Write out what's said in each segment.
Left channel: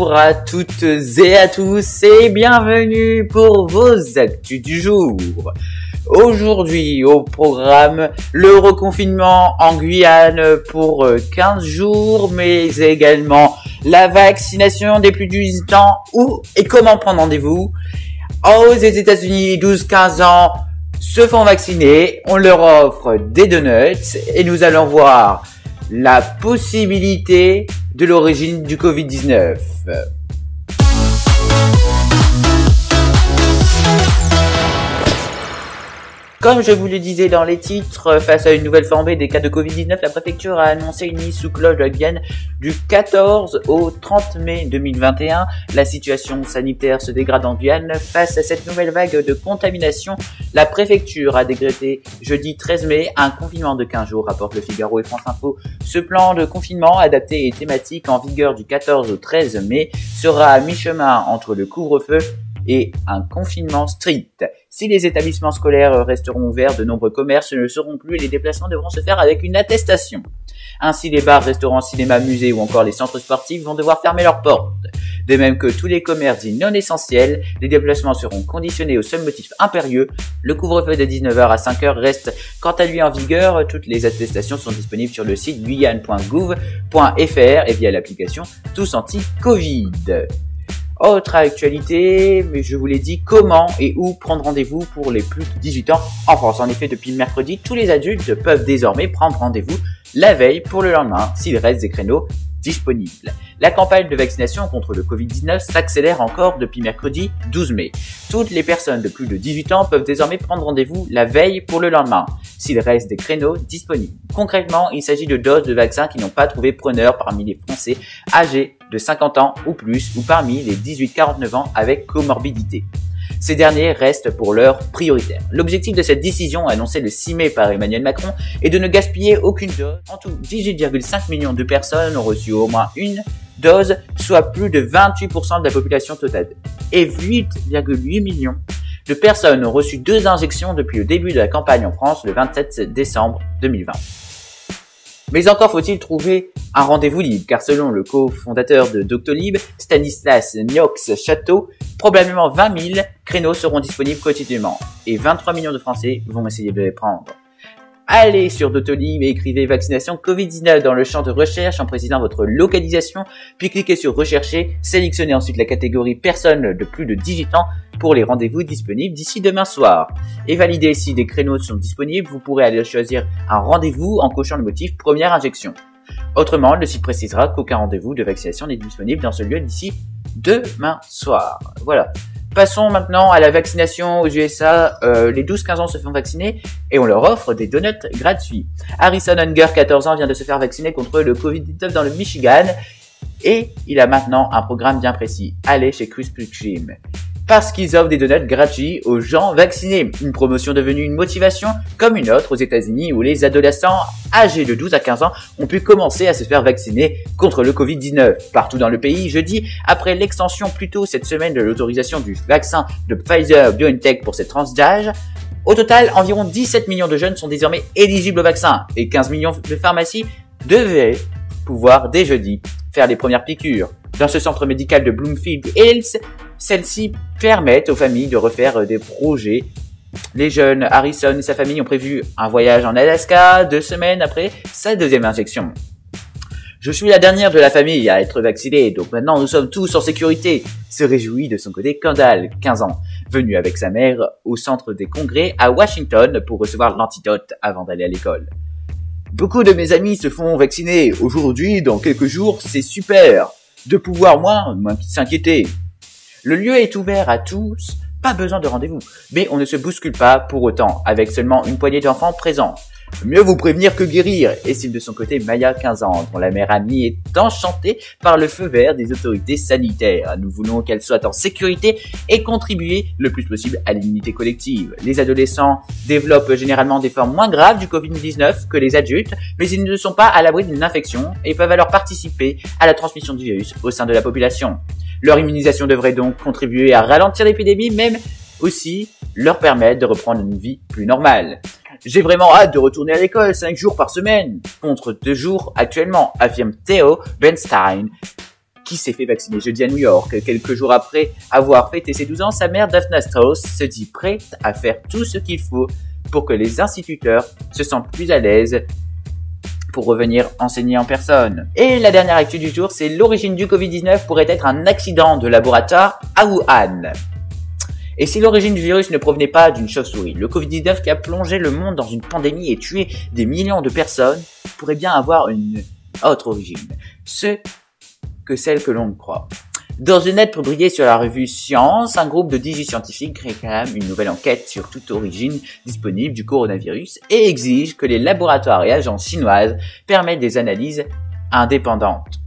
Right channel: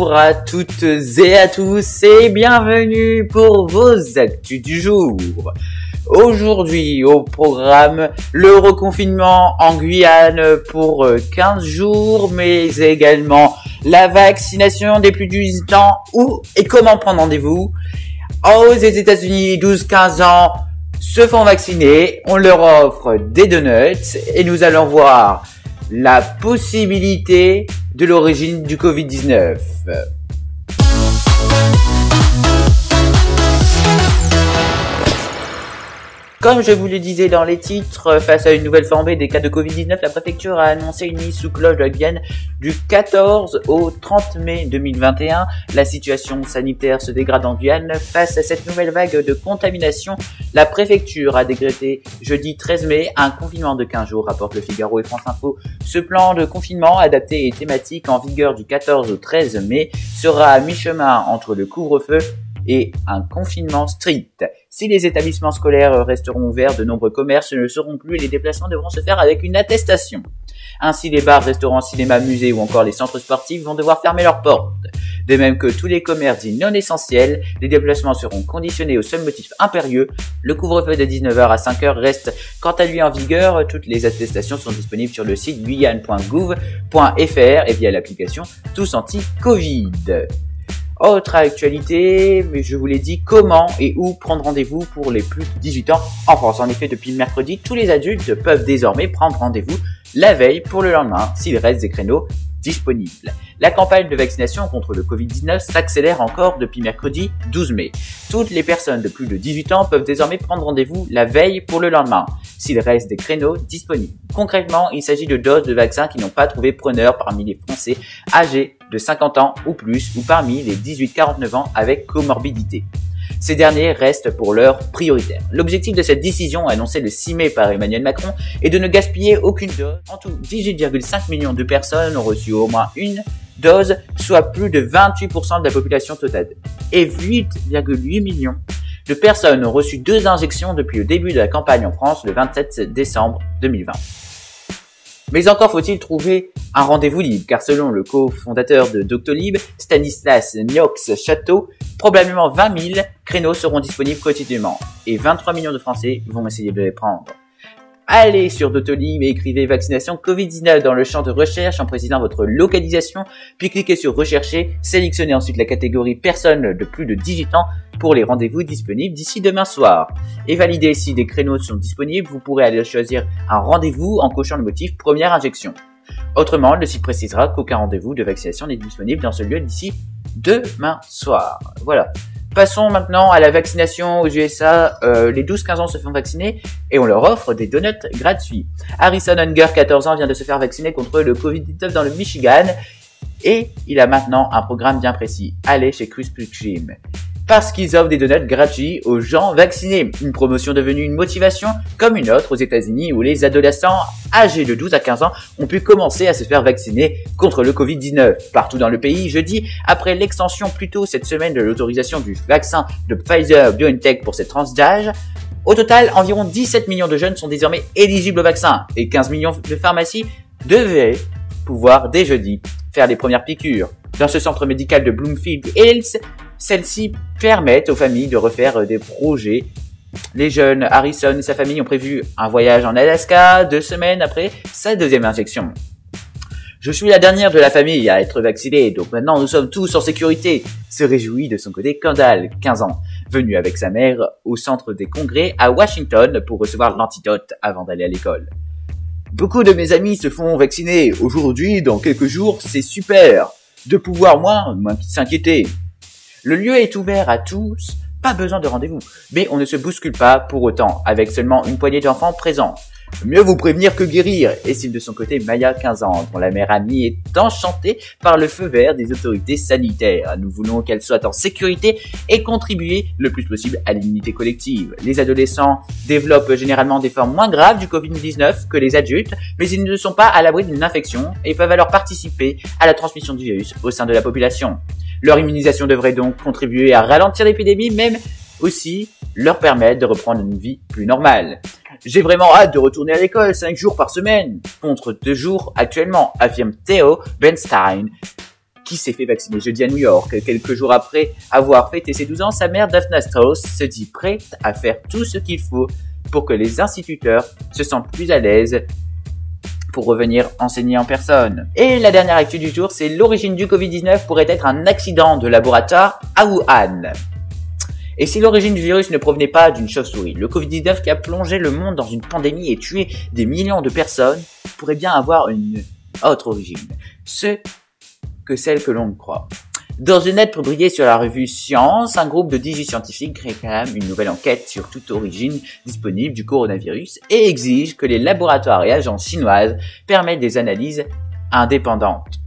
Bonjour à toutes et à tous et bienvenue pour vos actus du jour. Aujourd'hui au programme, le reconfinement en Guyane pour 15 jours, mais également la vaccination des plus de 18 ans et comment prendre rendez-vous. Aux États-Unis, 12-15 ans se font vacciner, on leur offre des donuts et nous allons voir la possibilité de l'origine du Covid-19. Comme je vous le disais dans les titres, face à une nouvelle flambée des cas de Covid-19, la préfecture a annoncé une mise sous cloche de la Guyane du 14 au 30 mai 2021. La situation sanitaire se dégrade en Guyane. Face à cette nouvelle vague de contamination, la préfecture a décrété jeudi 13 mai un confinement de 15 jours, rapporte Le Figaro et France Info. Ce plan de confinement adapté et thématique en vigueur du 14 au 13 mai sera à mi-chemin entre le couvre-feu et un confinement strict. Si les établissements scolaires resteront ouverts, de nombreux commerces ne le seront plus et les déplacements devront se faire avec une attestation. Ainsi, les bars, restaurants, cinémas, musées ou encore les centres sportifs vont devoir fermer leurs portes. De même que tous les commerces dits non essentiels, les déplacements seront conditionnés au seul motif impérieux. Le couvre-feu de 19h à 5h reste quant à lui en vigueur. Toutes les attestations sont disponibles sur le site guyane.gouv.fr et via l'application Tous Anti-Covid. Autre actualité, mais je vous l'ai dit, comment et où prendre rendez-vous pour les plus de 18 ans en France. En effet, depuis mercredi, tous les adultes peuvent désormais prendre rendez-vous la veille pour le lendemain, s'il reste des créneaux disponibles. La campagne de vaccination contre le Covid-19 s'accélère encore depuis mercredi 12 mai. Toutes les personnes de plus de 18 ans peuvent désormais prendre rendez-vous la veille pour le lendemain, s'il reste des créneaux disponibles. Concrètement, il s'agit de doses de vaccins qui n'ont pas trouvé preneur parmi les Français âgés de 50 ans ou plus ou parmi les 18-49 ans avec comorbidité. Ces derniers restent pour l'heure prioritaires. L'objectif de cette décision annoncée le 6 mai par Emmanuel Macron est de ne gaspiller aucune dose. En tout, 18,5 millions de personnes ont reçu au moins une dose, soit plus de 28% de la population totale. Et 8,8 millions de personnes ont reçu 2 injections depuis le début de la campagne en France le 27 décembre 2020. Mais encore faut-il trouver un rendez-vous libre, car selon le cofondateur de Doctolib, Stanislas Niox-Château, probablement 20 000 créneaux seront disponibles quotidiennement, et 23 millions de Français vont essayer de les prendre. Allez sur Doctolib et écrivez vaccination Covid-19 dans le champ de recherche en précisant votre localisation, puis cliquez sur rechercher, sélectionnez ensuite la catégorie personnes de plus de 18 ans pour les rendez-vous disponibles d'ici demain soir. Et validez si des créneaux sont disponibles, vous pourrez aller choisir un rendez-vous en cochant le motif première injection. Autrement, le site précisera qu'aucun rendez-vous de vaccination n'est disponible dans ce lieu d'ici demain soir. Voilà. Passons maintenant à la vaccination aux USA. Les 12-15 ans se font vacciner et on leur offre des donuts gratuits. Harrison Hunger, 14 ans, vient de se faire vacciner contre le Covid-19 dans le Michigan et il a maintenant un programme bien précis. Allez chez Krispy Kreme. Parce qu'ils offrent des donuts gratuits aux gens vaccinés. Une promotion devenue une motivation comme une autre aux États-Unis où les adolescents âgés de 12 à 15 ans ont pu commencer à se faire vacciner contre le Covid-19. Partout dans le pays, jeudi, après l'extension plus tôt cette semaine de l'autorisation du vaccin de Pfizer-BioNTech pour cette tranche d'âge, au total, environ 17 millions de jeunes sont désormais éligibles au vaccin et 15 millions de pharmacies devraient pouvoir dès jeudi faire les premières piqûres. Dans ce centre médical de Bloomfield Hills, celles-ci permettent aux familles de refaire des projets. Les jeunes Harrison et sa famille ont prévu un voyage en Alaska 2 semaines après sa deuxième injection. Je suis la dernière de la famille à être vaccinée, donc maintenant nous sommes tous en sécurité, se réjouit de son côté Kendall, 15 ans, venu avec sa mère au centre des congrès à Washington pour recevoir l'antidote avant d'aller à l'école. Beaucoup de mes amis se font vacciner aujourd'hui, dans quelques jours, c'est super de pouvoir moins s'inquiéter. Le lieu est ouvert à tous, pas besoin de rendez-vous, mais on ne se bouscule pas pour autant, avec seulement une poignée d'enfants présents. Mieux vous prévenir que guérir, estime de son côté Maya, 15 ans, dont la mère amie est enchantée par le feu vert des autorités sanitaires. Nous voulons qu'elle soit en sécurité et contribuer le plus possible à l'immunité collective. Les adolescents développent généralement des formes moins graves du Covid-19 que les adultes, mais ils ne sont pas à l'abri d'une infection et peuvent alors participer à la transmission du virus au sein de la population. Leur immunisation devrait donc contribuer à ralentir l'épidémie, même aussi leur permettre de reprendre une vie plus normale. J'ai vraiment hâte de retourner à l'école 5 jours par semaine, contre 2 jours actuellement, affirme Theo Bernstein, qui s'est fait vacciner jeudi à New York. Quelques jours après avoir fêté ses 12 ans, sa mère Daphne Strauss se dit prête à faire tout ce qu'il faut pour que les instituteurs se sentent plus à l'aise pour revenir enseigner en personne. Et la dernière actu du jour, c'est l'origine du Covid-19 pourrait être un accident de laboratoire à Wuhan. Et si l'origine du virus ne provenait pas d'une chauve-souris, le Covid-19 qui a plongé le monde dans une pandémie et tué des millions de personnes pourrait bien avoir une autre origine, celle que l'on croit. Dans une aide publiée sur la revue Science, un groupe de 18 scientifiques réclame une nouvelle enquête sur toute origine disponible du coronavirus et exige que les laboratoires et agences chinoises permettent des analyses indépendantes.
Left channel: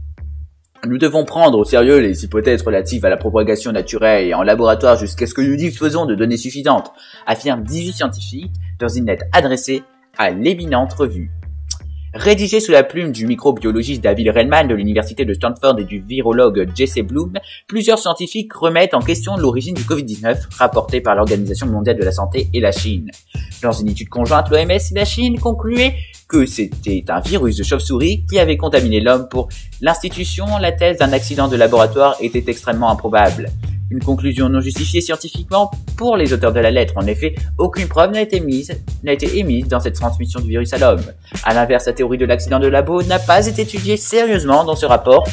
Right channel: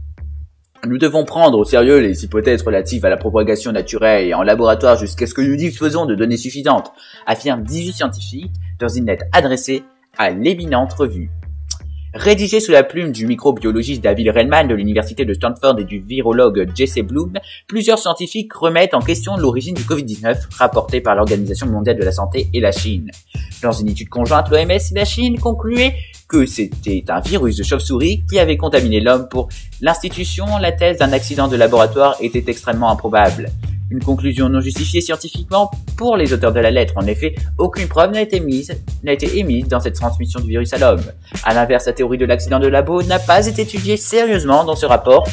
Nous devons prendre au sérieux les hypothèses relatives à la propagation naturelle et en laboratoire jusqu'à ce que nous disposons de données suffisantes, affirment 18 scientifiques dans une lettre adressée à l'éminente revue. Rédigé sous la plume du microbiologiste David Redman de l'université de Stanford et du virologue Jesse Bloom, plusieurs scientifiques remettent en question l'origine du Covid-19 rapportée par l'Organisation mondiale de la santé et la Chine. Dans une étude conjointe, l'OMS et la Chine concluaient que c'était un virus de chauve-souris qui avait contaminé l'homme. Pour l'institution, la thèse d'un accident de laboratoire était extrêmement improbable. Une conclusion non justifiée scientifiquement pour les auteurs de la lettre. En effet, aucune preuve n'a été émise dans cette transmission du virus à l'homme. À l'inverse, la théorie de l'accident de labo n'a pas été étudiée sérieusement dans ce rapport.